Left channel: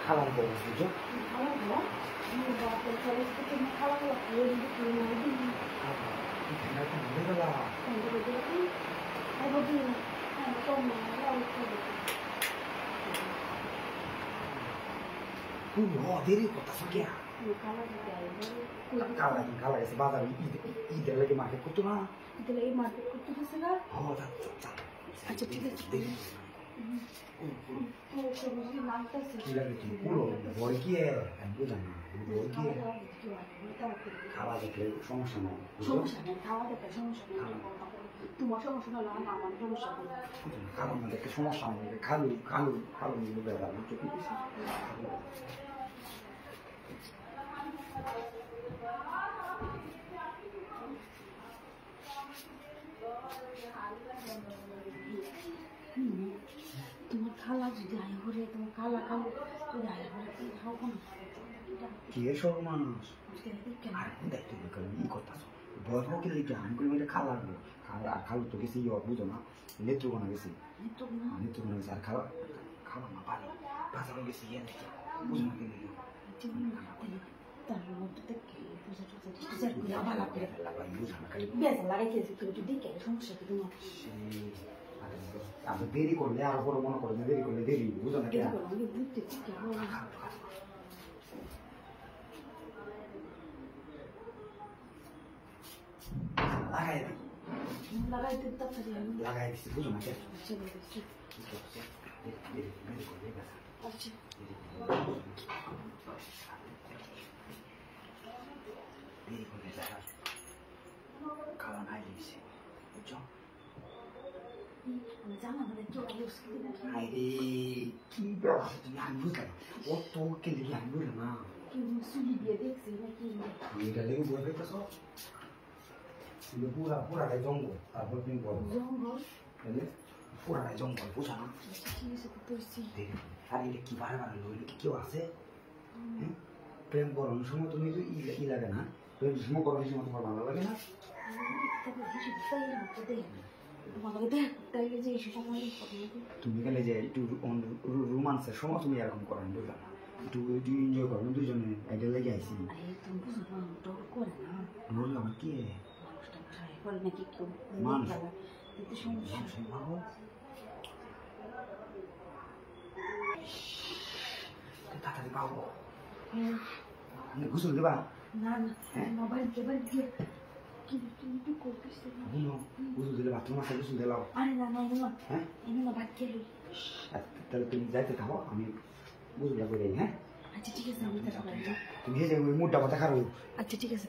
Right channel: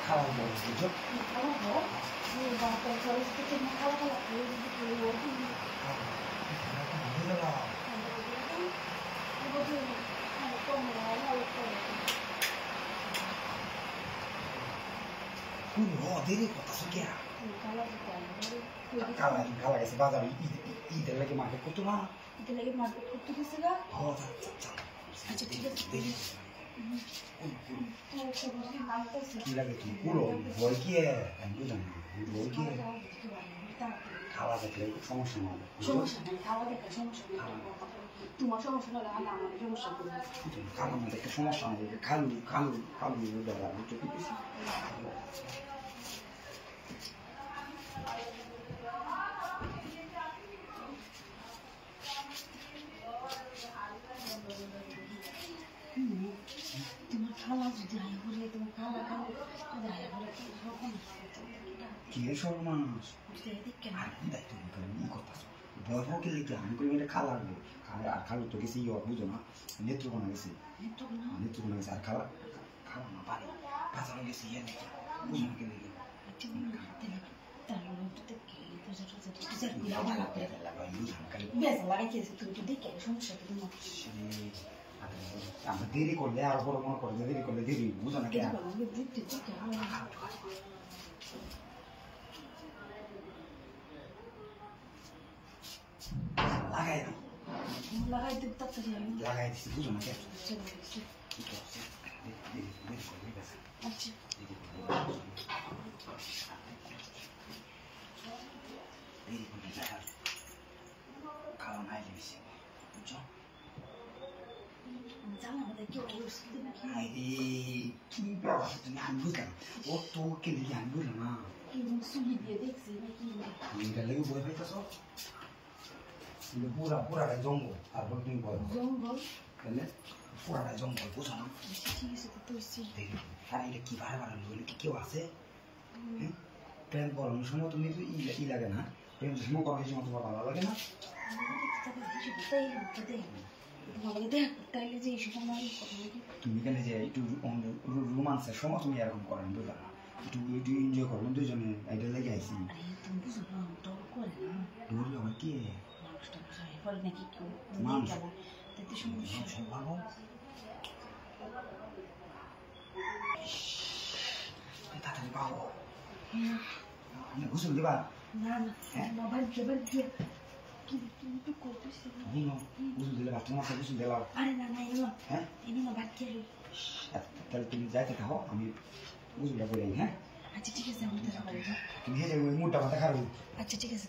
খালার বড় বুঝো খালার ঘর বাপের ঘরে তুমি খালা খালা খেয়ে যদি তুমি মারবি দেরি করতেছ কে খালা গেছে বাজারে ঈদের লাগে মার্কেট করতো না ঈদের লাগে মার্কেট করতে গেছে না আচ্ছা ঠিক আছে কি লাগে তুমি পুরো ভয় কি বুঝলাম না ভয় কি খাওয়া দেখলে সমস্যা নাই খাওয়া দেখা সমস্যা তোমার সমস্যা হলে আমার সমস্যা করবে খাবার মধ্যে একটা সমস্যা নেই খালু খালু খালু বেড়া তোমার খালা যদি আয় করে তোমার খালা খালু যদি আয় করে কি সর্বনাশ কি সর্বনাশ আর কি দায়িত্ব ই করতেছ ভয় ভয়কে লেগে আমি করি এটা খালা আর খালু তো গেছি বুঝো না নেত্রকোনা গেছি নেত্রকোনা গেছি আর খালা খালা মা পারে বাজারও গেছি বুঝো না কে লেগে দেরি করলে আর বড় মনে করো দেরি করলে দেরি বুঝো না লাগাই দিচ্ছি বুঝো না খাওয়া নাই দিয়েছি বুঝছো কি ব্যবস্থা তুমি আমি বুঝলাম ও তো কেলে আমি বুঝলাম না আমি এটা লেগে বই পাইতেছ পুরাটাই জঙ্গল তারপর তুমি বল জঙ্গল পুরাটাই জঙ্গল বুঝো না ঠিক আছে তো আর এটা কি বারে বারে লোক কি কেউ আছে প্রেম করানোর সময় তুমি তো ই লাগে না প্রেম সময় করার সময় তোমার ভালো লাগে না তুমি কেন যে একটু রোমান্সের সময় তুমি এরকম করেন বুঝলাম না একটু এনজয় করো দুজনে আইডিয়া লেগে আইসি ডোর আমার কি তাড়াতাড়ি পাবো ঘুষল দেবা ঘুষল দিলে বাথরুম আছে ঘুষল দিলাও তাহলে তুমি যাইতে থাকো আমি বুঝলা করে হ্যাঁ আচ্ছা ঠিক আছে তুমি মুডটা কথা খারো আচ্ছা ঠিক আছে